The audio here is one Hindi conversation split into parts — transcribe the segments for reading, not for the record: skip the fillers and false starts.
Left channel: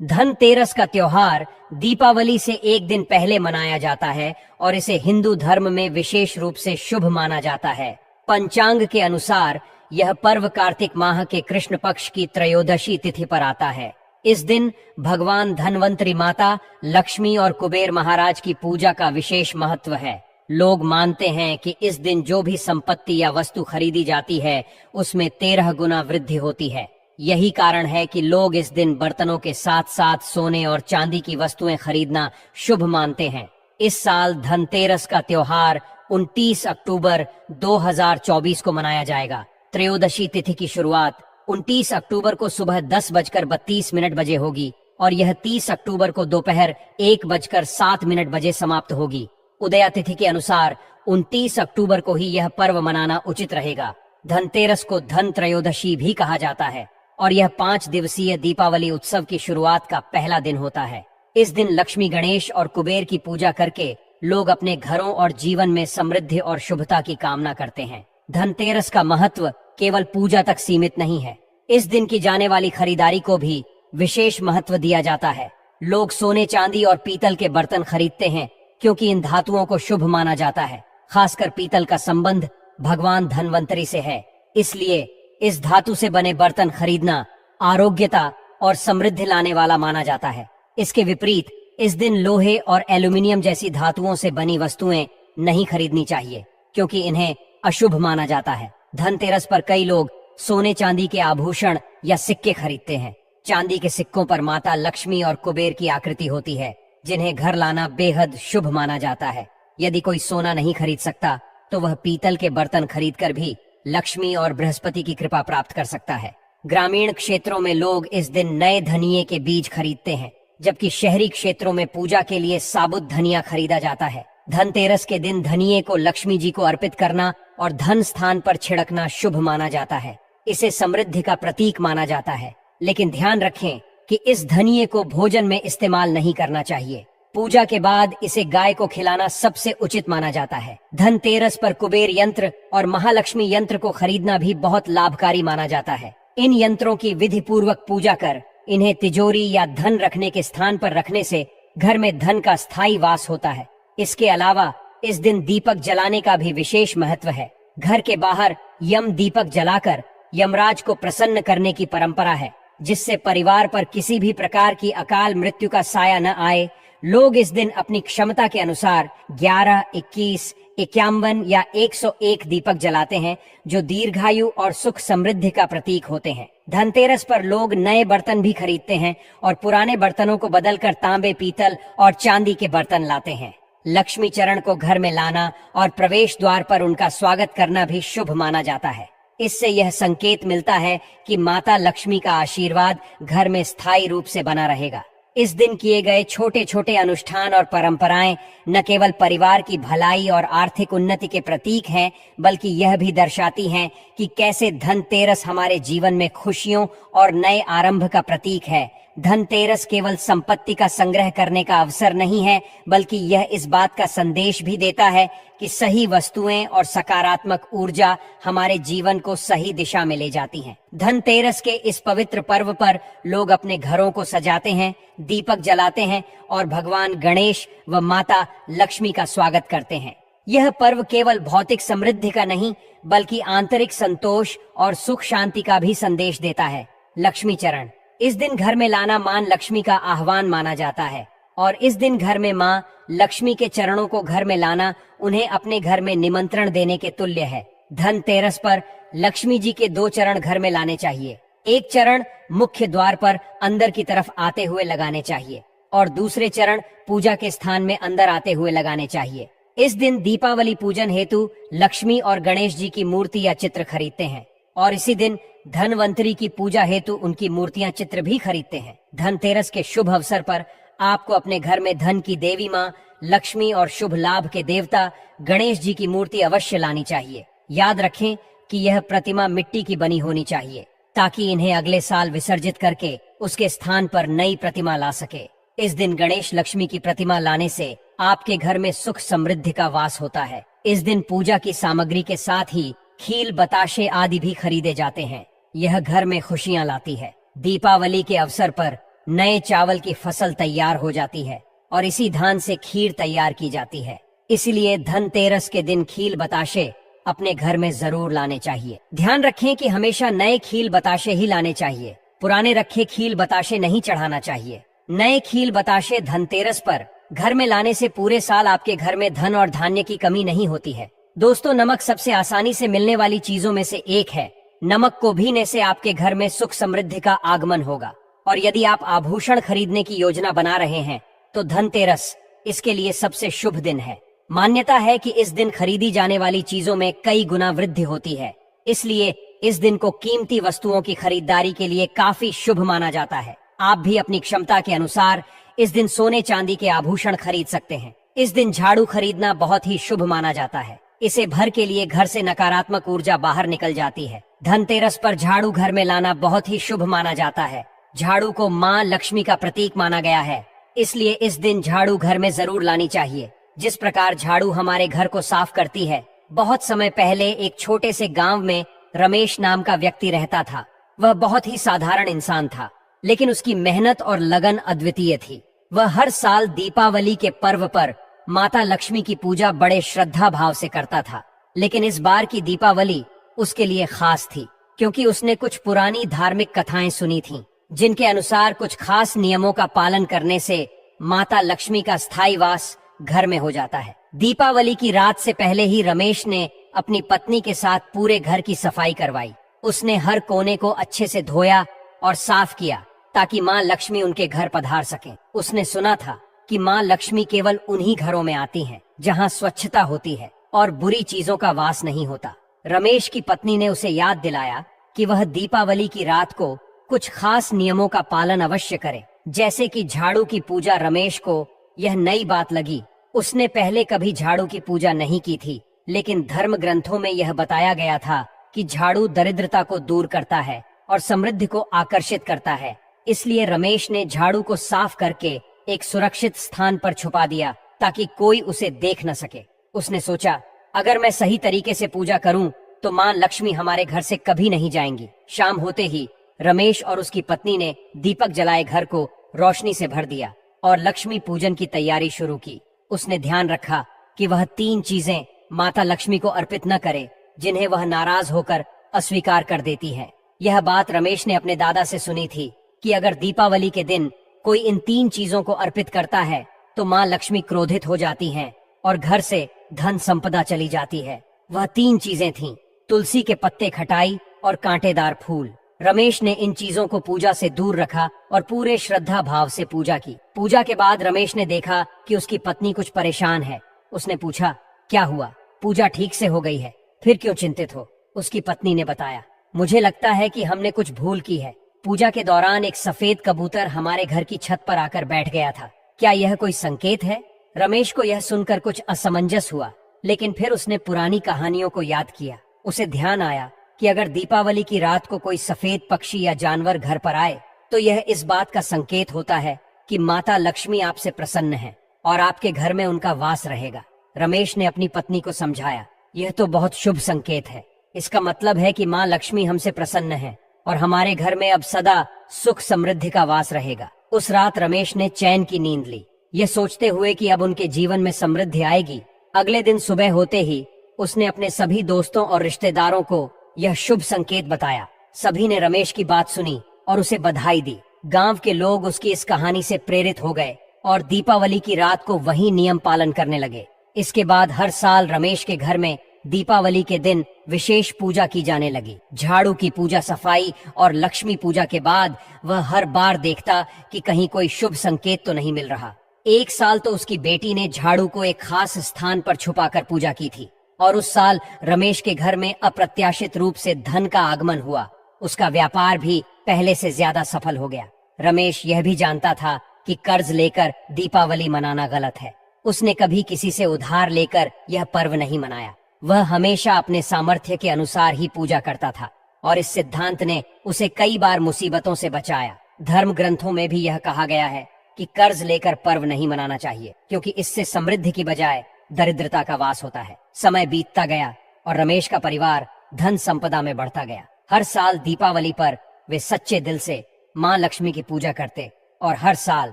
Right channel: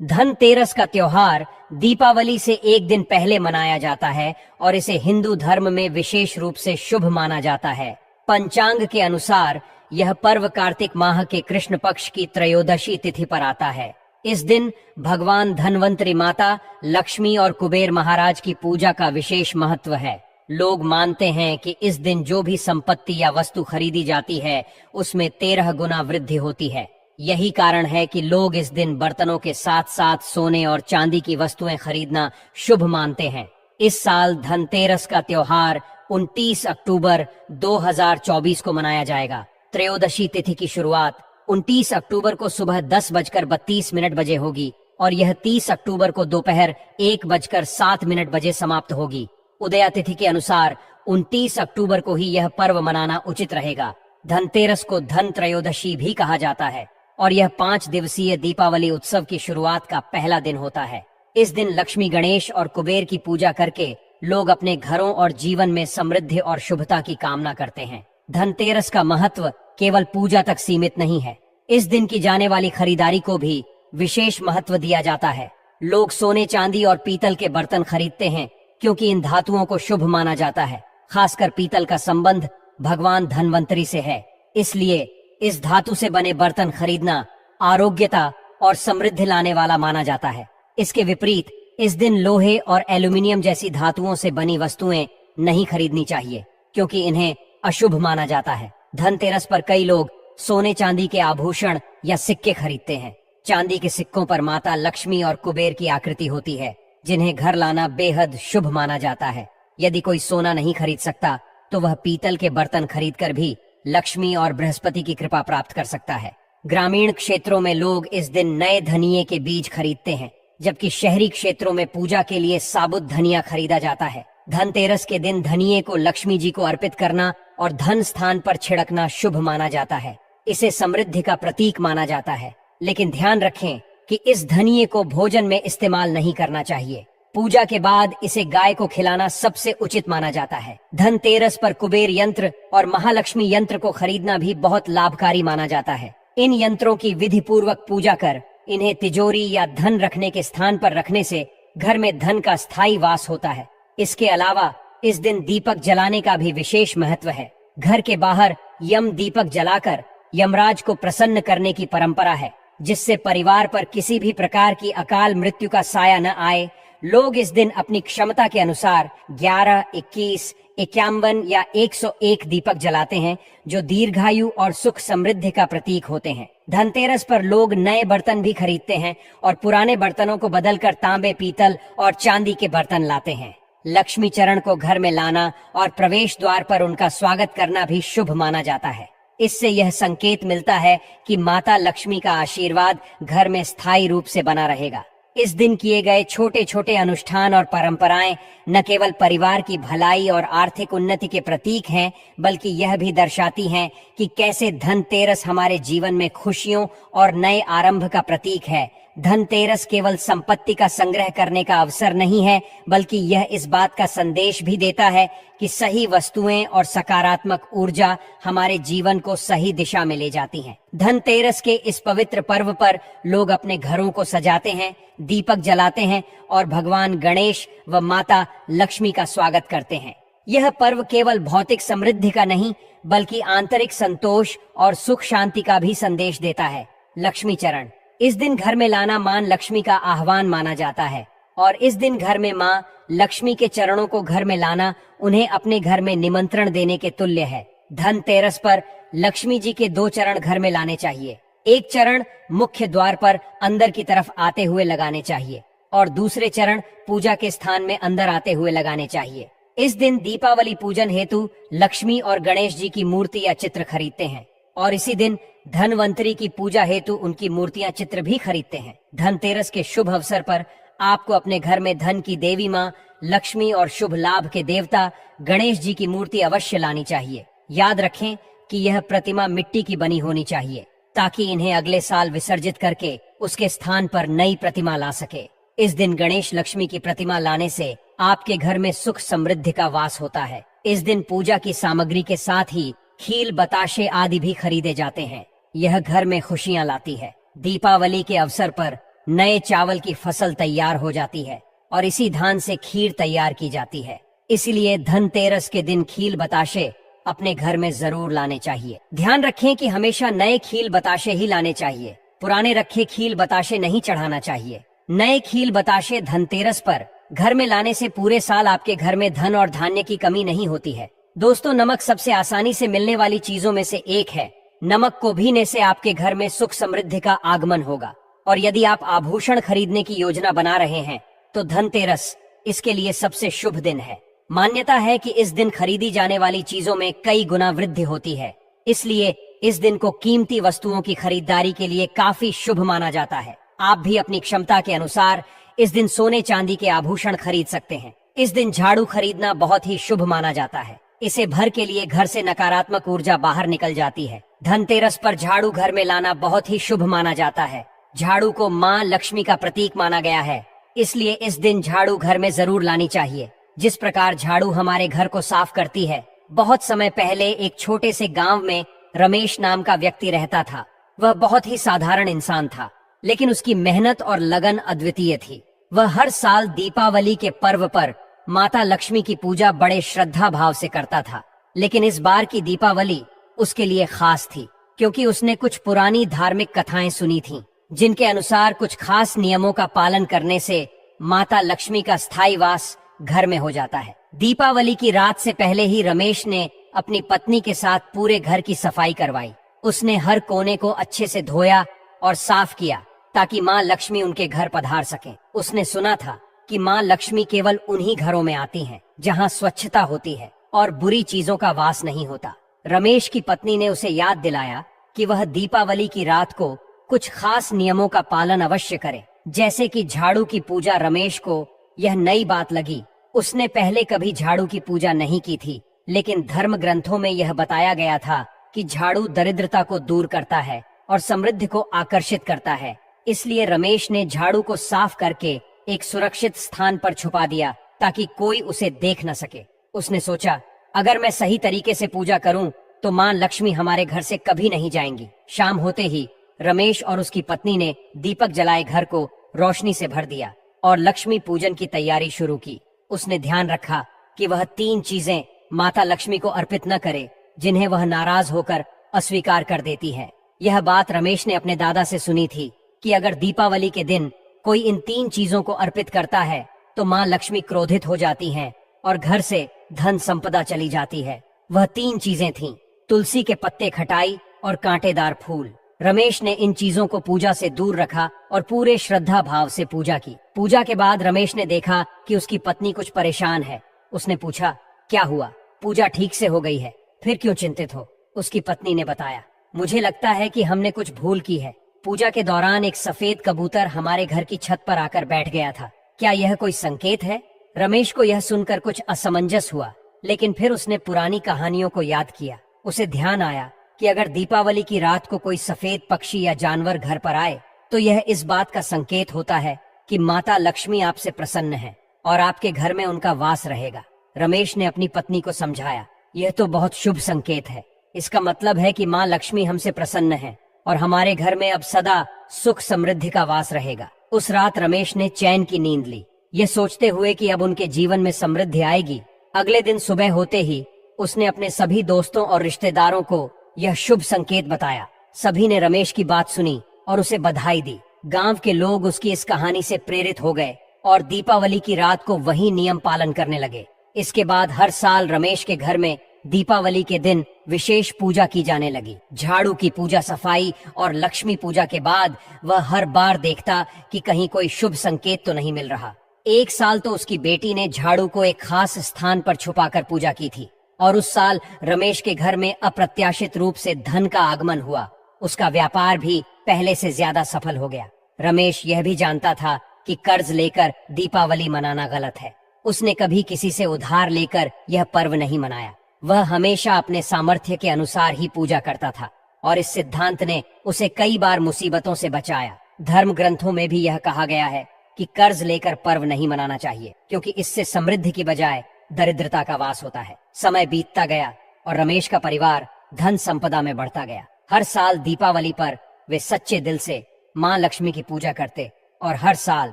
धनतेरस का त्योहार दीपावली से एक दिन पहले मनाया जाता है और इसे हिंदू धर्म में विशेष रूप से शुभ माना जाता है। पंचांग के अनुसार यह पर्व कार्तिक माह के कृष्ण पक्ष की त्रयोदशी तिथि पर आता है। इस दिन भगवान धनवंतरी माता, लक्ष्मी और कुबेर महाराज की पूजा का विशेष महत्व है। लोग मानते हैं कि इस दिन जो भी संपत्ति या वस्तु खरीदी जाती है उसमें 13 गुना वृद्धि होती है। यही कारण है कि लोग इस दिन बर्तनों के साथ साथ सोने और चांदी की वस्तुएं खरीदना शुभ मानते हैं। इस साल धनतेरस का त्योहार 29 अक्टूबर 2024 को मनाया जाएगा। त्रयोदशी तिथि की शुरुआत 29 अक्टूबर को सुबह 10:32 बजे होगी और यह 30 अक्टूबर को दोपहर 1:07 बजे समाप्त होगी। उदया तिथि के अनुसार 29 अक्टूबर को ही यह पर्व मनाना उचित रहेगा। धनतेरस को धन त्रयोदशी भी कहा जाता है और यह 5 दिवसीय दीपावली उत्सव की शुरुआत का पहला दिन होता है। इस दिन लक्ष्मी, गणेश और कुबेर की पूजा करके लोग अपने घरों और जीवन में समृद्धि और शुभता की कामना करते हैं। धनतेरस का महत्व केवल पूजा तक सीमित नहीं है। इस दिन की जाने वाली खरीदारी को भी विशेष महत्व दिया जाता है। लोग सोने, चांदी और पीतल के बर्तन खरीदते हैं क्योंकि इन धातुओं को शुभ माना जाता है। खासकर पीतल का संबंध भगवान धनवंतरी से है, इसलिए इस धातु से बने बर्तन खरीदना आरोग्यता और समृद्धि लाने वाला माना जाता है। इसके विपरीत इस दिन लोहे और एल्यूमिनियम जैसी धातुओं से बनी वस्तुएं नहीं खरीदनी चाहिए क्योंकि इन्हें अशुभ माना जाता है। धनतेरस पर कई लोग सोने, चांदी के आभूषण या सिक्के खरीदते हैं। चांदी के सिक्कों पर माता लक्ष्मी और कुबेर की आकृति होती है, जिन्हें घर लाना बेहद शुभ माना जाता है। यदि कोई सोना नहीं खरीद सकता तो वह पीतल के बर्तन खरीदकर भी लक्ष्मी और बृहस्पति की कृपा प्राप्त कर सकता है। ग्रामीण क्षेत्रों में लोग इस दिन नए धनिये के बीज खरीदते हैं, जबकि शहरी क्षेत्रों में पूजा के लिए साबुत धनिया खरीदा जाता है। धनतेरस के दिन धनिये को लक्ष्मी जी को अर्पित करना और धन स्थान पर छिड़कना शुभ माना जाता है। इसे समृद्धि का प्रतीक माना जाता है, लेकिन ध्यान रखें कि इस धनिये को भोजन में इस्तेमाल नहीं करना चाहिए। पूजा के बाद इसे गाय को खिलाना सबसे उचित माना जाता है। धनतेरस पर कुबेर यंत्र और महालक्ष्मी यंत्र को खरीदना भी बहुत लाभकारी माना जाता है। इन यंत्रों की विधि पूर्वक पूजा कर इन्हें तिजोरी या धन रखने के स्थान पर रखने से घर में धन का स्थायी वास होता है। इसके अलावा इस दिन दीपक जलाने का भी विशेष महत्व है। घर के बाहर यम दीपक जलाकर यमराज को प्रसन्न करने की परंपरा है, जिससे परिवार पर किसी भी प्रकार की अकाल मृत्यु का साया न आए। लोग इस दिन अपनी क्षमता के अनुसार 11, 21, 51 या 101 दीपक जलाते हैं, जो दीर्घायु और सुख समृद्धि का प्रतीक होते हैं। धनतेरस पर लोग नए बर्तन भी खरीदते हैं और पुराने बर्तनों को बदलकर तांबे, पीतल और चांदी के बर्तन लाते हैं। लक्ष्मी चरण को घर में लाना और प्रवेश द्वार पर उनका स्वागत करना भी शुभ माना जाता है। इससे यह संकेत मिलता है कि माता लक्ष्मी का आशीर्वाद घर में स्थायी रूप से बना रहेगा। इस दिन किए गए छोटे छोटे अनुष्ठान और परंपराएं न केवल परिवार की भलाई और आर्थिक उन्नति के प्रतीक हैं, बल्कि यह भी दर्शाती हैं कि कैसे धनतेरस हमारे जीवन में खुशियों और नए आरंभ का प्रतीक है। धनतेरस केवल संपत्ति का संग्रह करने का अवसर नहीं है, बल्कि यह इस बात का संदेश भी देता है कि सही वस्तुएं और सकारात्मक ऊर्जा हमारे जीवन को सही दिशा में ले जाती हैं। धनतेरस के इस पवित्र पर्व पर लोग अपने घरों को सजाते हैं, दीपक जलाते हैं और भगवान गणेश व माता लक्ष्मी का स्वागत करते हैं। यह पर्व केवल भौतिक समृद्धि का नहीं, बल्कि आंतरिक संतोष और सुख शांति का भी संदेश देता है। लक्ष्मी चरण इस दिन घर में लाना मां लक्ष्मी का आह्वान माना जाता है और इस दिन घर में मां लक्ष्मी के चरणों को घर में लाना उन्हें अपने घर में निमंत्रण देने के तुल्य है। धनतेरस पर लक्ष्मी जी के 2 चरण घर में लाने चाहिए। एक चरण मुख्य द्वार पर अंदर की तरफ आते हुए लगाने चाहिए और दूसरे चरण पूजा के स्थान में अंदर आते हुए लगाने चाहिए। इस दिन दीपावली पूजन हेतु लक्ष्मी और गणेश जी की मूर्ति या चित्र खरीदते हैं और इसी दिन धनवंतरी की पूजा हेतु उनकी मूर्तियां, चित्र भी खरीदते हैं। धनतेरस के शुभ अवसर पर आपको अपने घर में धन की देवी मां लक्ष्मी और शुभ लाभ के देवता गणेश जी की मूर्ति अवश्य लानी चाहिए। याद रखें कि यह प्रतिमा मिट्टी की बनी होनी चाहिए ताकि इन्हें अगले साल विसर्जित करके उसके स्थान पर नई प्रतिमा ला सके। इस दिन गणेश लक्ष्मी की प्रतिमा लाने से आपके घर में सुख समृद्धि का वास होता है। इस दिन पूजा की सामग्री के साथ ही खील, बताशे आदि भी खरीदे जाते हैं। यह घर में खुशियां लाती है। दीपावली के अवसर पर नए चावल की फसल तैयार हो जाती है और इसी धान से खीर तैयार की जाती है। इसलिए धनतेरस के दिन खील बताशे अपने घर में जरूर लाने चाहिए। ध्यान रखें कि हमेशा नए खील बताशे ही लाने चाहिए, पुराने रखे खील बताशे नहीं चढ़ाना चाहिए। नए खील बताशे धनतेरस पर घर में लाने से पूरे साल आपके घर में धन और धान्य की कमी नहीं होती है। दोस्तों, नमक सबसे आसानी से मिलने वाली चीजों में से एक है। नमक को भीने से आपके घर में सुख समृद्धि का आगमन होगा। और यदि आप आभूषण खरीदने की योजना बना रहे हैं तो धनतेरस इसके लिए सबसे शुभ दिन है। मान्यता है कि इस दिन खरीदी जाने वाली चीजों में कई गुना वृद्धि होती है, इसलिए इस दिन को कीमती वस्तुओं की खरीदारी के लिए काफी शुभ माना जाता है। आप भी अपनी क्षमता के अनुसार इस दिन सोने चांदी के आभूषण खरीद सकते हैं। इस दिन झाड़ू खरीदना बहुत ही शुभ माना जाता है। इसे भर के लिए घर से नकारात्मक ऊर्जा बाहर निकल जाती है। धनतेरस पर झाड़ू घर में लाना बहुत ही शुभ माना जाता है। झाड़ू को माँ लक्ष्मी का प्रतीक माना गया है, इसलिए इस दिन झाड़ू घर में जरूर लानी चाहिए। जिस प्रकार झाड़ू हमारे घर को साफ करती है। बहुत समय पहले एक छोटे से गांव में रमेश नाम का व्यक्ति रहता था। वह बहुत ही साधारण इंसान था, लेकिन उसकी मेहनत और लगन अद्वितीय थी। वह हर साल दीपावली के पर्व पर माता लक्ष्मी की पूजा बड़े श्रद्धा भाव से करता था। लेकिन इस बार की दीपावली उसके लिए खास थी, क्योंकि उसने कुछ पुरानी धार्मिक कथाएं सुनी थीं, जिनके अनुसार कुछ खास नियमों का पालन करने से माता लक्ष्मी का स्थायी वास घर में हो जाता है। दीपावली की रात से पहले ही रमेश ने अपनी पत्नी के साथ पूरे घर की सफाई करवाई। उसने हर कोने को अच्छे से धोया और साफ किया ताकि माँ लक्ष्मी उनके घर पधार सकें। उसने सुना था कि माँ लक्ष्मी केवल उन्हीं घरों में आती हैं जहाँ स्वच्छता होती है और बुरी चीजों का वास नहीं होता। रमेश की पत्नी ने उसे याद दिलाया कि वह दीपावली की रात को कुछ खास नियमों का पालन अवश्य करे, जैसे कि झाड़ू की पूजा। रमेश को यह नई बात लगी। उसने पहले कभी झाड़ू की पूजा नहीं की थी, लेकिन धर्म ग्रंथों में यह बताया गया था कि झाड़ू दरिद्रता को दूर करता है और समृद्धि को आकर्षित करता है। इसलिए रमेश ने झाड़ू को साफ करके एक सुरक्षित स्थान पर छुपा दिया ताकि कोई उसे देख न सके। उसने सोचा, अगर मैं सही तरीके से पूजा करूं तो माँ लक्ष्मी हमारे घर से कभी नहीं जाएंगी। शाम होते ही रमेश और उसकी पत्नी ने दीपक जलाए घर को रोशनी से भर दिया और लक्ष्मी पूजन की तैयारी शुरू की। उसने ध्यान रखा कि वह 3 चीजें माता लक्ष्मी को अर्पित न करे जिन्हें वह नाराज होकर अस्वीकार कर देती है। यह बात रमेश ने अपने दादा से सुनी थी कि अगर दीपावली के दिन कोई इन 3 चीजों को अर्पित करता है तो माँ लक्ष्मी क्रोधित हो जाती हैं और घर से धन संपदा चली जाती है। वह 3 चीजें थीं, तुलसी के पत्ते, खटाई और कांटेदार फूल। रमेश ने इन चीजों को पूजा से दूर रखा और पूरे श्रद्धा भाव से पूजा की। पूजा के बाद रमेश ने देखा कि उसकी पत्नी कुछ परेशान है। उसने पूछा, क्या हुआ? पूजा ठीक से हो गई है, फिर क्यों चिंतित हो? उसकी पत्नी ने बताया, मुझे लगता है कि हमने कुछ भूल की है। पूजा के दौरान एक सफेद कबूतर हमारे घर की छत पर आकर बैठ गया था। क्या यह कोई संकेत है? रमेश को यह सुनकर कुछ असमंजस हुआ, लेकिन फिर उसने पुरानी कहानियों को याद किया। उसे ध्यान आया कि अगर दीपावली की रात को कोई सफेद पक्षी या जानवर घर पर आए तो यह इस बात का संकेत होता है कि माता लक्ष्मी आपसे प्रसन्न है और आपके घर में उनका वास रहेगा। रमेश ने अपनी पत्नी को समझाया, यह तो बहुत शुभ संकेत है। इसका मतलब है कि माँ लक्ष्मी हमसे प्रसन्न है और हमारे घर में अब सदा सुख समृद्धि का वास रहेगा। उस रात रमेश ने चैन की नींद ली, यह सोचते हुए कि अब उनके जीवन में समृद्धि आएगी। अगले दिन सुबह होते ही उसने अपने सभी दोस्तों और रिश्तेदारों को यह शुभ संकेत बताया। सभी ने रमेश की बात सुनी और उसे बधाई दी। गांव के लोग उसकी इस कहानी से प्रेरित हो गए और दीपावली की रात को वही नियम पालन करने लगे। इसके बाद हर साल रमेश के घर में दीपावली के दिन विशेष पूजा की जाने लगी। झाड़ू की पूजा, सफाई और लक्ष्मी पूजा के बाद वह हर बार देखता कि कहीं कोई शुभ संकेत तो नहीं मिल रहा। एक साल तो उसकी बेटी ने झाड़ू को एक खास स्थान पर छुपाकर पूजा की थी और उस साल रमेश के घर में अप्रत्याशित रूप से धन का आगमन हुआ। उसका व्यापार भी पहले से ज्यादा सफल हो गया। रमेश यह भी जानता था कि कर्ज लेकर दीपावली मनाना गलत है। उसने कभी किसी से उधार लेकर यह पर्व नहीं मनाया। वह हमेशा अपने सामर्थ्य के अनुसार ही पूजा करता था और इस सिद्धांत ने उसे कई बार मुसीबतों से बचाया। धर्म ग्रंथों में भी यह कहा गया है कि कर्ज लेकर पर्व नहीं मनाना चाहिए, क्योंकि इससे समृद्धि की बजाय दरिद्रता का वास होता है। समय बीतता गया और रमेश का परिवार धन संपदा में बढ़ता गया। हर साल दीपावली पर वे सच्चे दिल से माँ लक्ष्मी की पूजा करते और हर साल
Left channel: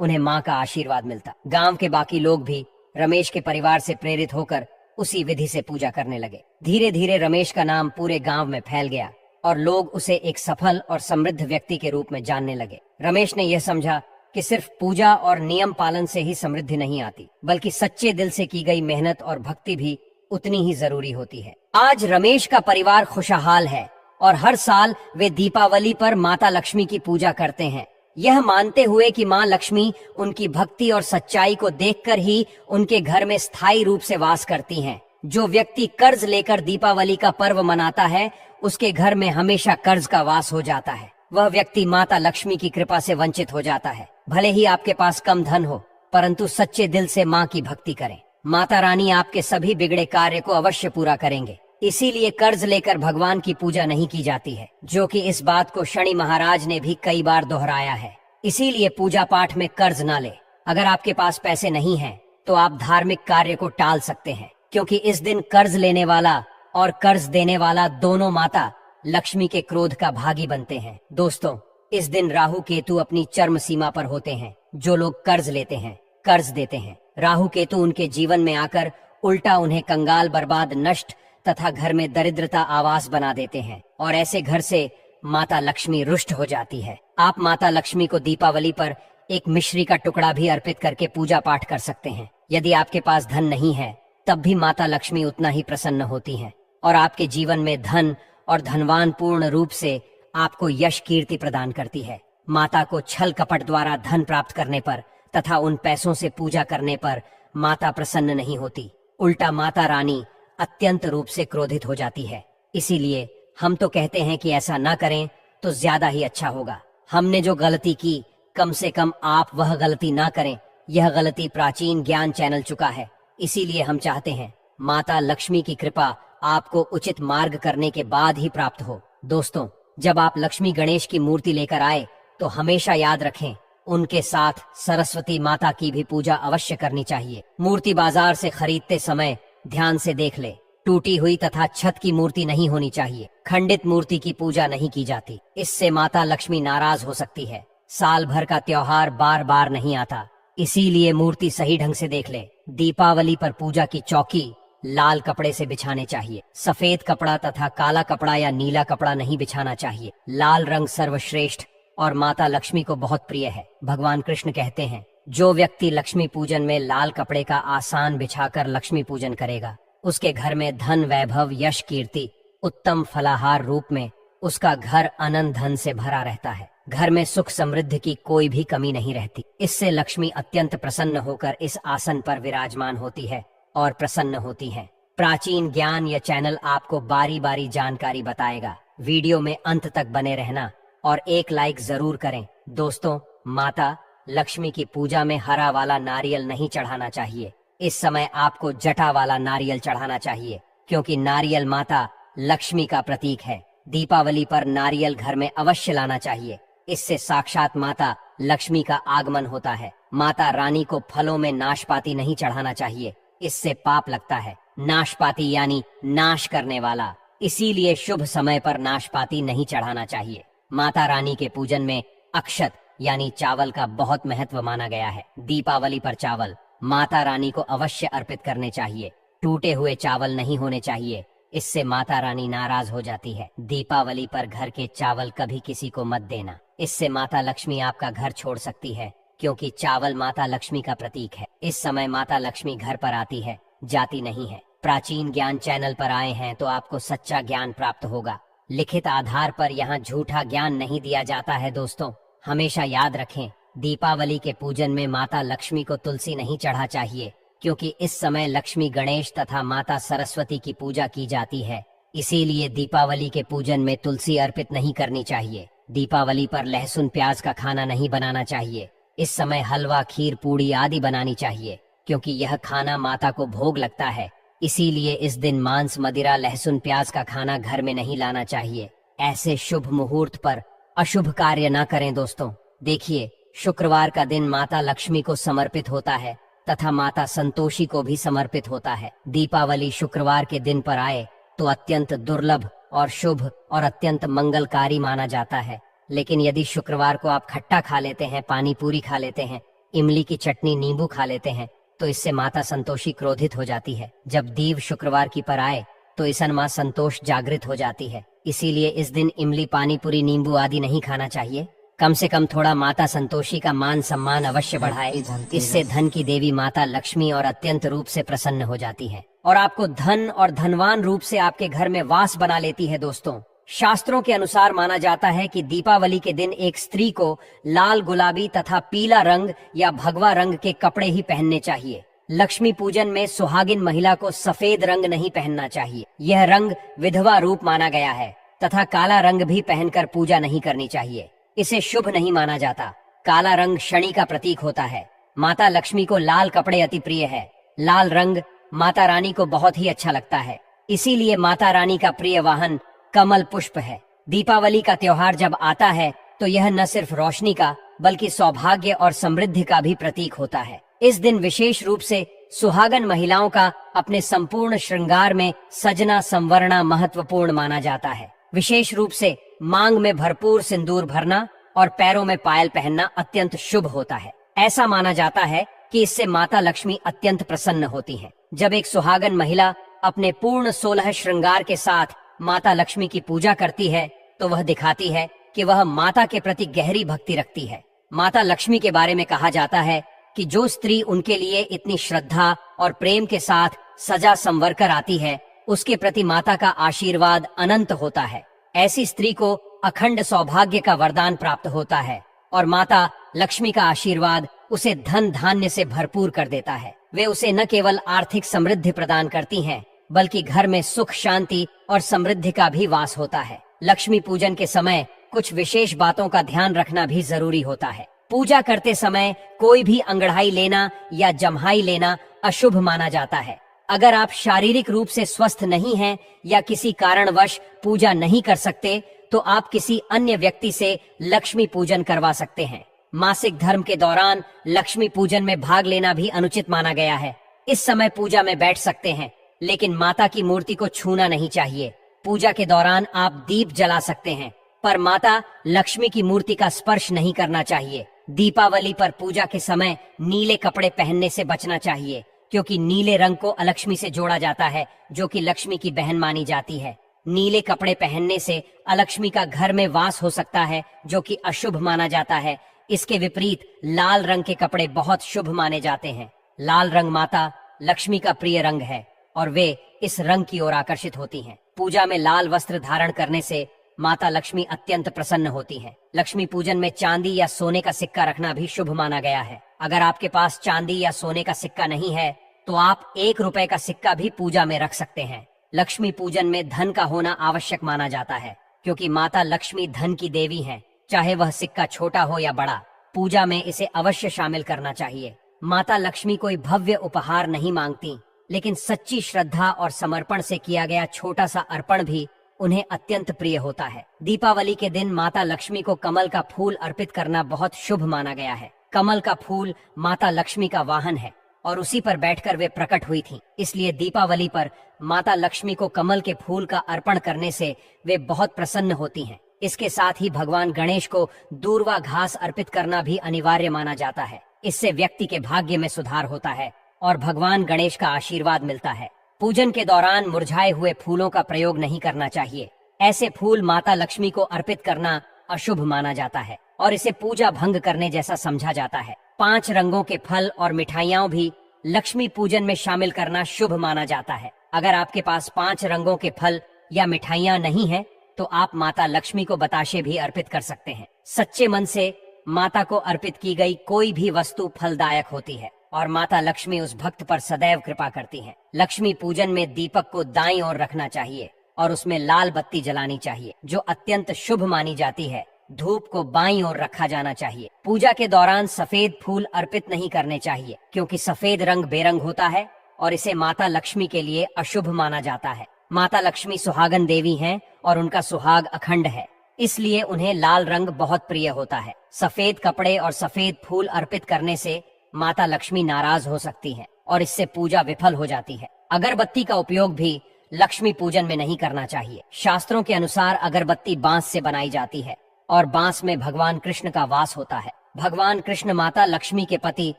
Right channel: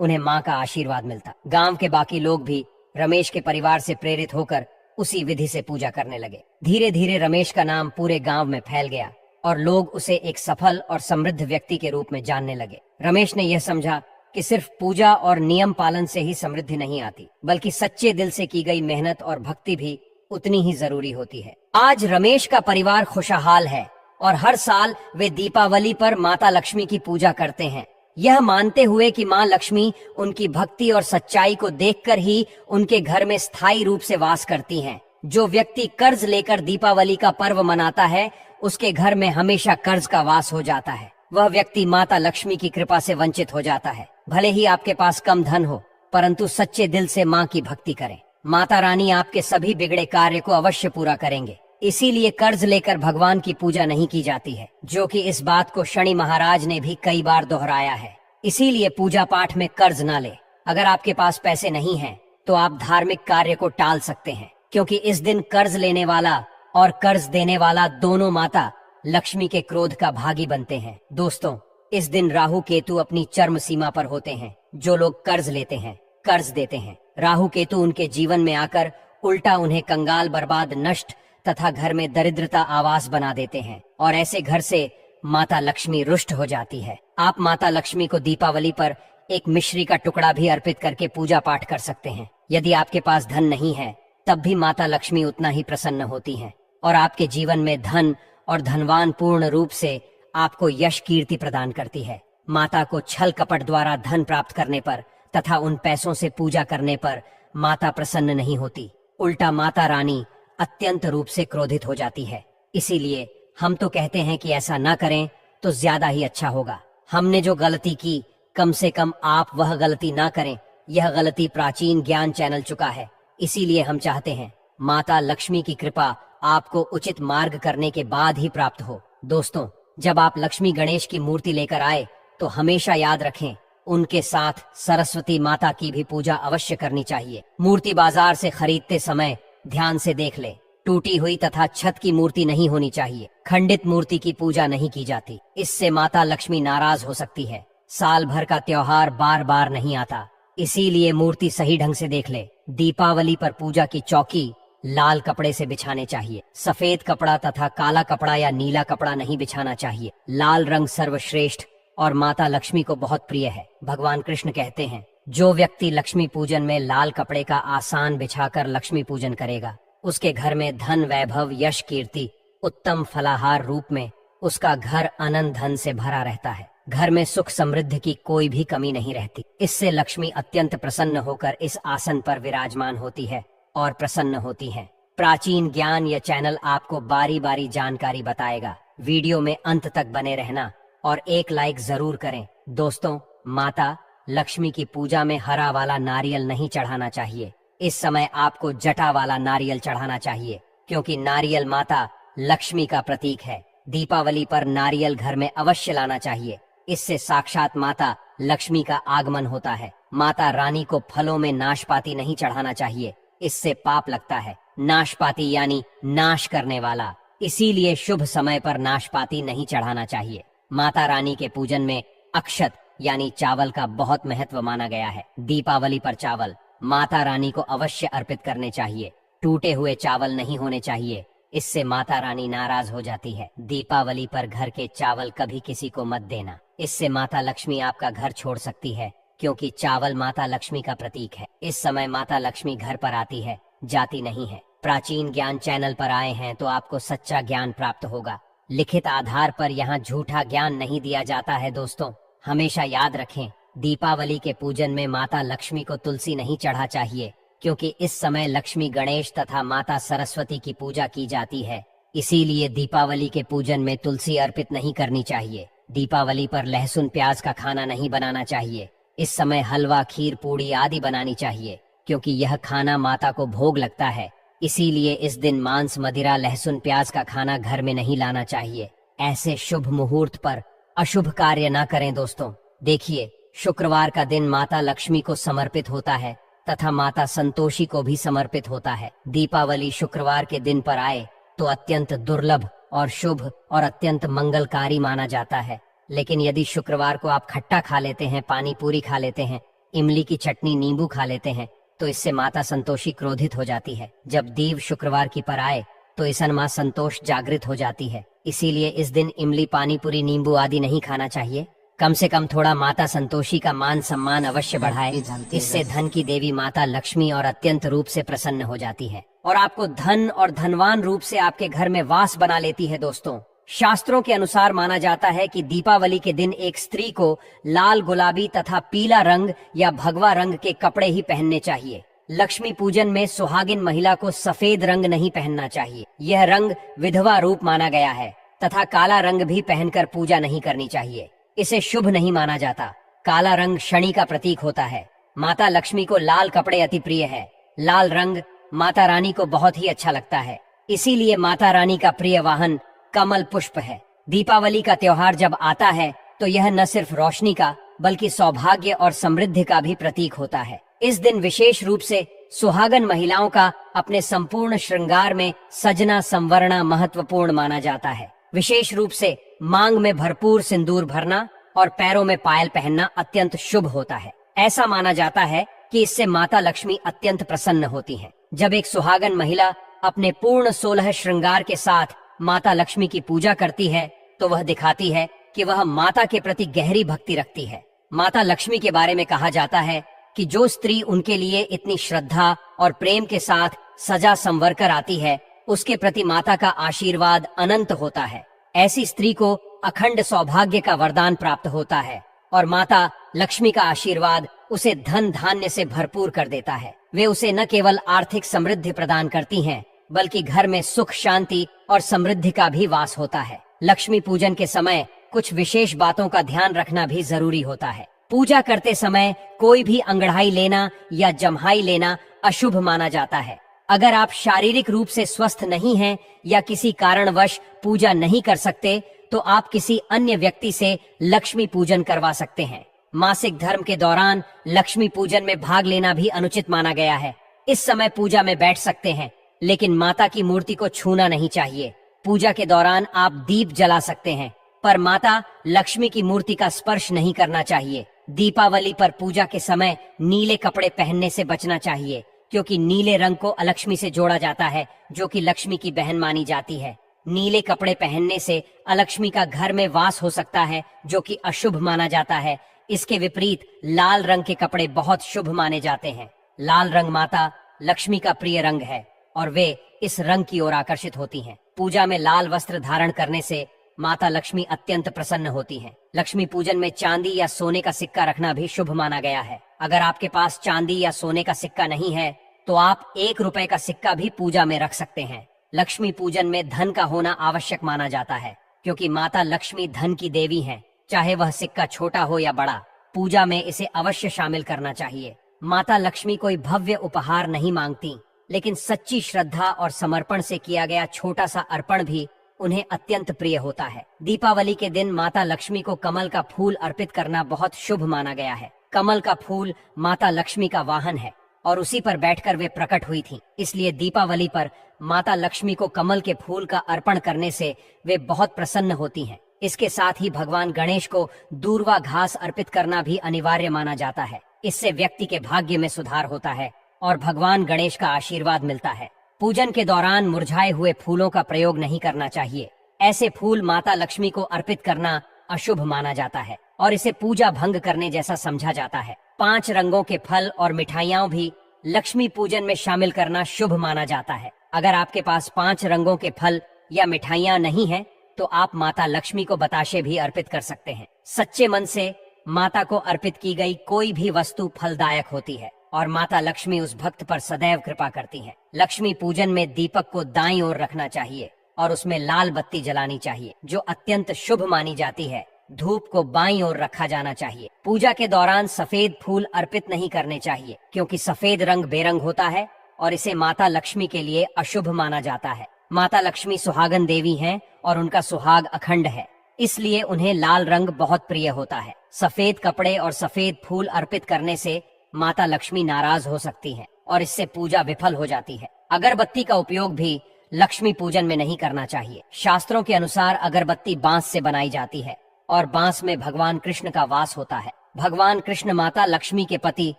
उन्हें माँ का आशीर्वाद मिलता। गांव के बाकी लोग भी रमेश के परिवार से प्रेरित होकर उसी विधि से पूजा करने लगे। धीरे धीरे रमेश का नाम पूरे गांव में फैल गया और लोग उसे एक सफल और समृद्ध व्यक्ति के रूप में जानने लगे। रमेश ने यह समझा कि सिर्फ पूजा और नियम पालन से ही समृद्धि नहीं आती, बल्कि सच्चे दिल से की गई मेहनत और भक्ति भी उतनी ही जरूरी होती है। आज रमेश का परिवार खुशहाल है और हर साल वे दीपावली पर माता लक्ष्मी की पूजा करते हैं, यह मानते हुए कि माँ लक्ष्मी उनकी भक्ति और सच्चाई को देखकर ही उनके घर में स्थायी रूप से वास करती हैं। जो व्यक्ति कर्ज लेकर दीपावली का पर्व मनाता है, उसके घर में हमेशा कर्ज का वास हो जाता है। वह व्यक्ति माता लक्ष्मी की कृपा से वंचित हो जाता है। भले ही आपके पास कम धन हो, परंतु सच्चे दिल से माँ की भक्ति करें। माता रानी आपके सभी बिगड़े कार्य को अवश्य पूरा करेंगे। इसीलिए कर्ज लेकर भगवान की पूजा नहीं की जाती है, जो कि इस बात को शनि महाराज ने भी कई बार दोहराया है। इसीलिए पूजा पाठ में कर्ज ना ले। अगर आपके पास पैसे नहीं हैं, तो आप धार्मिक कार्य को टाल सकते हैं, क्योंकि इस दिन कर्ज लेने वाला और कर्ज देने वाला दोनों माता लक्ष्मी के क्रोध का भागी बनते हैं। दोस्तों, इस दिन राहु केतु अपनी चरम सीमा पर होते हैं। जो लोग कर्ज लेते हैं, कर्ज देते हैं, राहु केतु उनके जीवन में आकर उल्टा उन्हें कंगाल, बर्बाद, नष्ट तथा घर में दरिद्रता आवास बना देते हैं और ऐसे घर से माता लक्ष्मी रुष्ट हो जाती है। आप माता लक्ष्मी को दीपावली पर एक मिश्री का टुकड़ा भी अर्पित करके पूजा पाठ कर सकते हैं। यदि आपके पास धन नहीं है, तब भी माता लक्ष्मी उतना ही प्रसन्न होती हैं और आपके जीवन में धन और धनवान पूर्ण रूप से आपको यश कीर्ति प्रदान करती है। माता को छल कपट द्वारा धन प्राप्त करने पर तथा उन पैसों से पूजा करने पर माता प्रसन्न नहीं होती, उल्टा माता रानी अत्यंत रूप से क्रोधित हो जाती है। इसीलिए हम तो कहते हैं कि ऐसा ना करें तो ज्यादा ही अच्छा होगा। हमने जो गलती की, कम से कम आप वह गलती ना करें। यह गलती प्राचीन ज्ञान चैनल चुका है। इसीलिए हम चाहते हैं माता लक्ष्मी की कृपा आपको उचित मार्ग करने के बाद ही प्राप्त हो। दोस्तों, जब आप लक्ष्मी गणेश की मूर्ति लेकर आए, तो हमेशा याद रखें, उनके साथ सरस्वती माता की भी पूजा अवश्य करनी चाहिए। मूर्ति बाजार से खरीदते समय ध्यान से देख ले, टूटी हुई तथा छत की मूर्ति नहीं होनी चाहिए। खंडित मूर्ति की पूजा नहीं की जाती, इससे माता लक्ष्मी नाराज हो सकती है। साल भर का त्योहार बार बार नहीं आता, इसीलिए मूर्ति सही ढंग से देख ले। दीपावली पर पूजा की चौकी लाल कपड़े से बिछाने चाहिए। सफेद कपड़ा तथा काला कपड़ा या नीला कपड़ा नहीं बिछाना चाहिए। लाल रंग सर्वश्रेष्ठ और माता लक्ष्मी को बहुत प्रिय है। भगवान कृष्ण कहते हैं, जो व्यक्ति लक्ष्मी पूजन में लाल कपड़े का आसान बिछाकर लक्ष्मी पूजन करेगा, उसके घर में धन, वैभव, यश, कीर्ति, उत्तम फलाहार रूप में उसका घर अनंत धन से भरा रहता है। घर में सुख समृद्धि की कोई भी कमी नहीं रहती। इससे लक्ष्मी अत्यंत प्रसन्न होकर इस आसन पर विराजमान होती है और प्रसन्न होती है। प्राचीन ज्ञान यह चैनल आपको बारी बारी जानकारी बताएगा। वीडियो में अंत तक बने रहना और एक लाइक जरूर करें। दोस्तों, माता लक्ष्मी की पूजा में हरा वाला नारियल नहीं चढ़ाना चाहिए। इस समय आपको जटा वाला नारियल चढ़ाना चाहिए, क्योंकि नारियल माता लक्ष्मी का प्रतीक है। दीपावली पर नारियल घर में अवश्य लाना चाहिए। इससे साक्षात माता लक्ष्मी का आगमन होता है। माता रानी को फलों में नाशपाती नहीं चढ़ाना चाहिए, इससे पाप लगता है। नाशपाती यानी नाश करने वाला, इसीलिए शुभ समय पर नाशपाती नहीं चढ़ाना चाहिए। माता रानी के पूजन में अक्षत यानी चावल का बहुत महत्व माना गया है। दीपावली पर चावल माता रानी को अवश्य अर्पित करने चाहिए। टूटे हुए चावल नहीं होने चाहिए, इससे माता रानी नाराज हो जाती है। दीपावली पर घर के चावल कभी किसी को मत देना, इससे माता लक्ष्मी आपका घर छोड़ सकती है, क्योंकि चावल माता लक्ष्मी का प्रतीक है। इस समय माता लक्ष्मी घर पर आती है, जाती नहीं है। प्राचीन ज्ञान चैनल पर आए हैं तो आपको सच्चा ज्ञान प्राप्त होगा। लिखित आधार पर यहाँ झूठा ज्ञान नहीं दिया जाता है। दोस्तों, हमेशा याद रखें, दीपावली के पूजन में माता लक्ष्मी को तुलसी नहीं चढ़ा चाहिए, क्योंकि इस समय लक्ष्मी, गणेश तथा माता सरस्वती की पूजा की जाती है। इसीलिए दीपावली के पूजन में तुलसी अर्पित नहीं करनी चाहिए। दीपावली पर लहसुन प्याज का खाना नहीं बनाना चाहिए। इस समय हलवा, खीर, पूड़ी आदि बनानी चाहिए, क्योंकि यह खाना माता को भोग लगता है। इसीलिए इस दिन मांस, मदिरा, लहसुन प्याज का खाना घर में नहीं लाना चाहिए। ऐसे शुभ मुहूर्त पर अशुभ कार्य न करें। दोस्तों, देखिए, शुक्रवार का दिन माता लक्ष्मी को समर्पित होता है तथा माता संतोषी को भी समर्पित होता है। दीपावली शुक्रवार के दिन पर आए तो अत्यंत दुर्लभ और शुभ और अत्यंत मंगलकारी माना जाता है। लेकिन यदि शुक्रवार को आप खट्टा खा लेते हैं, पानी पूरी खा लेते हैं, इमली की चटनी, नींबू खा लेते हैं, तो इससे माता संतोषी क्रोधित हो जाती है। जब दीव शुक्रवार की पर आए तो ईसन माँ संतोष जागृत हो जाती है। इसीलिए इस दिन इमली, पानी पूरी, नींबू आदि नहीं खाना चाहिए। कम से कम थोड़ा माता संतोषी का मान सम्मान अवश्य बढ़ाए। इससे धन की देवी माता लक्ष्मी और अत्यंत रूप से प्रसन्न हो जाती है और आपको धन और धनवान रूप से आपके घर में वास बना लेती है। दोस्तों, शास्त्रों के अनुसार माना जाता है कि दीपावली के दिन एक स्त्री को लाल, गुलाबी तथा पीला रंग या भगवा रंग के कपड़े ही पहनने चाहिए। लक्ष्मी पूजन में सुहागिन महिला को सफेद रंग नहीं पहनना चाहिए। यह रंग विधवा रूप माना गया है तथा काला रंग भी पहनकर पूजा नहीं करनी चाहिए। इसे शुभ नहीं माना जाता। काला रंग शनि का प्रतीक होता है। माता लक्ष्मी को लाल कपड़े अति प्रिय है। लाल रंग माता रानी को बहुत ही अच्छा लगता है। इसीलिए माता रानी का प्रिय वाहन कमल पुष्प है। दीपावली का त्योहार जब आता है तो यह न सिर्फ रोशनी का बल्कि सौभाग्य और समृद्धि का भी प्रतीक होता है। इस दिन विशेष रूप से सुहागन महिलाओं का अपने संपूर्ण श्रृंगार में सजना संवरना महत्वपूर्ण माना जाता है। विशेष रूप से मांग में भरपूर सिंदूर भरना और पैरों में पायल पहनना अत्यंत शुभ होता है। ऐसा माना जाता है कि इससे माता लक्ष्मी अत्यंत प्रसन्न होती है। जब एक सुहागन महिला अपने पूर्ण 16 श्रृंगार के साथ माता लक्ष्मी की पूजा करती है तो वह दिखाती है कि वह माता के प्रति गहरी भक्ति रखती है। माता लक्ष्मी के बारे में कहा जाता है कि जो स्त्री उनके लिए इतनी श्रद्धा और प्रेम के साथ सजा संवर कर आती है, उसके प्रति माता का आशीर्वाद अनंत होता है। ऐसी स्त्री को अखंड सौभाग्य का वरदान प्राप्त होता है और माता लक्ष्मी का आशीर्वाद उसे धन धान्य से भरपूर कर देता है। वे उसे न केवल आर्थिक समृद्धि प्रदान करती हैं, बल्कि घर में सुख, शांति और समृद्धि का भी वास होता है। लक्ष्मी पूजन के समय कुछ विशेष बातों का ध्यान रखना भी जरूरी होता है। पूजा करते समय कोई भी अंगड़ाई लेना या जम्हाई लेना अशुभ माना जाता है। अगर आप शारीरिक रूप से स्वस्थ नहीं हैं या किसी कारणवश पूजा नहीं कर सकते तो आप किसी अन्य व्यक्ति से लक्ष्मी पूजन करवा सकते हैं। मासिक धर्म के दौरान लक्ष्मी पूजन में भाग लेना भी अनुचित माना गया है। इस समय पूजा में बैठ सकते हैं, लेकिन माता की मूर्ति को छूना नहीं चाहिए। पूजा के दौरान आप दीप जला सकते हैं, पर माता लक्ष्मी की मूर्ति का स्पर्श नहीं करना चाहिए। दीपावली पर पूजा के समय नीले कपड़े पहनने से बचना चाहिए, क्योंकि नीले रंग को अलक्ष्मी से जोड़ा जाता है, जो कि लक्ष्मी की बहन मानी जाती है। नीले कपड़े पहनने से अलक्ष्मी का घर में वास हो सकता है, जो कि अशुभ माना जाता है। इसके विपरीत लाल रंग के कपड़े बहुत शुभ माने जाते हैं। लाल रंग माता लक्ष्मी का प्रिय रंग है और वे इस रंग की ओर आकर्षित होती हैं। पूजा में लाल वस्त्र धारण करने से माता लक्ष्मी अत्यंत प्रसन्न होती हैं। लक्ष्मी पूजन में चांदी या सोने का सिक्का रखना भी शुभ माना गया है। अगर आपके पास चांदी या सोने का सिक्का नहीं है तो आप 1 रुपए का सिक्का भी पूजा में रख सकते हैं। लक्ष्मी पूजन में धन का होना आवश्यक माना जाता है, क्योंकि माता लक्ष्मी धन की देवी हैं। चाहे वह सिक्का छोटा हो या बड़ा, पूजा में इसे अवश्य शामिल करना चाहिए। माता लक्ष्मी कोई भव्य उपहार नहीं मांगती, लेकिन सच्ची श्रद्धा और समर्पण से किया गया छोटा सा अर्पण भी उन्हें अत्यंत प्रिय होता है। दीपावली के दिन माता लक्ष्मी को कमल का फूल अर्पित करना बहुत शुभ माना गया है। कमल का फूल माता लक्ष्मी का वाहन है और उसी पर बैठकर वे प्रकट हुई थीं। इसलिए दीपावली पर माता लक्ष्मी को कमल के फूल का अर्पण करने से वे बहुत प्रसन्न होती हैं। इसके साथ ही भगवान गणेश को दूर्वा घास अर्पित करना भी अनिवार्य माना जाता है। इससे व्यक्ति के भाग्य में सुधार होता है और भगवान गणेश का आशीर्वाद मिलता है। पूजन के दौरान मुरझाए हुए फूलों का प्रयोग नहीं करना चाहिए। ऐसे फूल माता लक्ष्मी को अर्पित करना अशुभ माना जाता है और इसे पूजा भंग करने जैसा समझा जाता है। 5 रंगों के फल और मिठाइयाँ भी लक्ष्मी पूजन में शामिल करना शुभ माना जाता है। अगर आपके पास 5 रंगों के फल या मिठाइयाँ नहीं है तो आप माता लक्ष्मी को बताशे भी अर्पित कर सकते हैं। सच्चे मन से माता को अर्पित की गई कोई भी वस्तु फलदायक होती है और माता लक्ष्मी उस भक्त पर सदैव कृपा करती है। लक्ष्मी पूजन में दीपक को दाईं ओर रखना चाहिए और उसमें लाल बत्ती जलानी चाहिए, जो अत्यंत शुभ मानी जाती है। धूप को बाईं ओर रखा जाना चाहिए। पूजा के दौरान सफेद फूल अर्पित नहीं करने चाहिए, क्योंकि सफेद रंग बेरंग होता है और इसे माता लक्ष्मी के लिए अशुभ माना जाता है। माता लक्ष्मी सुहागन देवी हैं और उनका सुहाग अखंड है, इसलिए उन्हें लाल रंग बहुत प्रिय होता है। सफेद कपड़े और सफेद फूल अर्पित करने से माता लक्ष्मी नाराज हो सकती है और इससे पूजा विफल हो जाती है। अगरबत्ती का उपयोग भी लक्ष्मी पूजन में नहीं करना चाहिए। शास्त्रों के अनुसार अगरबत्ती बांस से बनाई जाती है और बांस में भगवान कृष्ण का वास होता है। भगवान कृष्ण माता लक्ष्मी के पति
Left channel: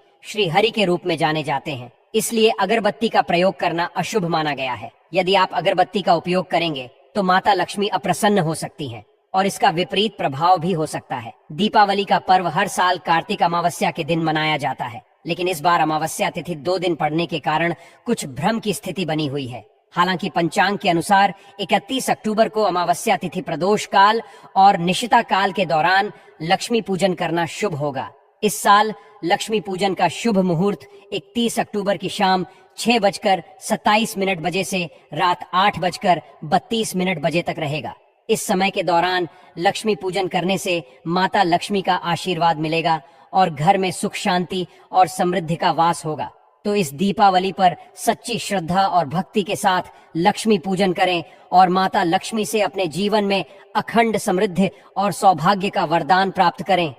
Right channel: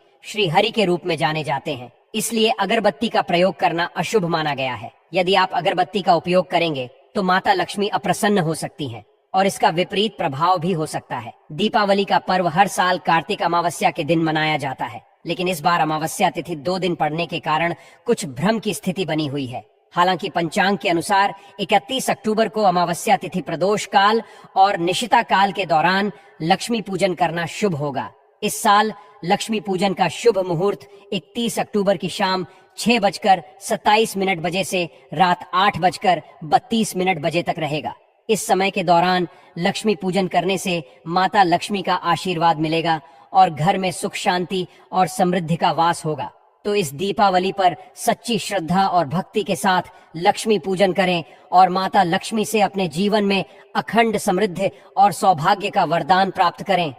श्री हरि के रूप में जाने जाते हैं, इसलिए अगरबत्ती का प्रयोग करना अशुभ माना गया है। यदि आप अगरबत्ती का उपयोग करेंगे तो माता लक्ष्मी अप्रसन्न हो सकती हैं और इसका विपरीत प्रभाव भी हो सकता है। दीपावली का पर्व हर साल कार्तिक अमावस्या के दिन मनाया जाता है, लेकिन इस बार अमावस्या तिथि 2 दिन पड़ने के कारण कुछ भ्रम की स्थिति बनी हुई है। हालांकि पंचांग के अनुसार 31 अक्टूबर को अमावस्या तिथि प्रदोष काल और निशिता काल के दौरान लक्ष्मी पूजन करना शुभ होगा। इस साल लक्ष्मी पूजन का शुभ मुहूर्त 31 अक्टूबर की शाम 6:27 बजे से रात 8:32 बजे तक रहेगा। इस समय के दौरान लक्ष्मी पूजन करने से माता लक्ष्मी का आशीर्वाद मिलेगा और घर में सुख शांति और समृद्धि का वास होगा। तो इस दीपावली पर सच्ची श्रद्धा और भक्ति के साथ लक्ष्मी पूजन करें और माता लक्ष्मी से अपने जीवन में अखंड समृद्धि और सौभाग्य का वरदान प्राप्त करें।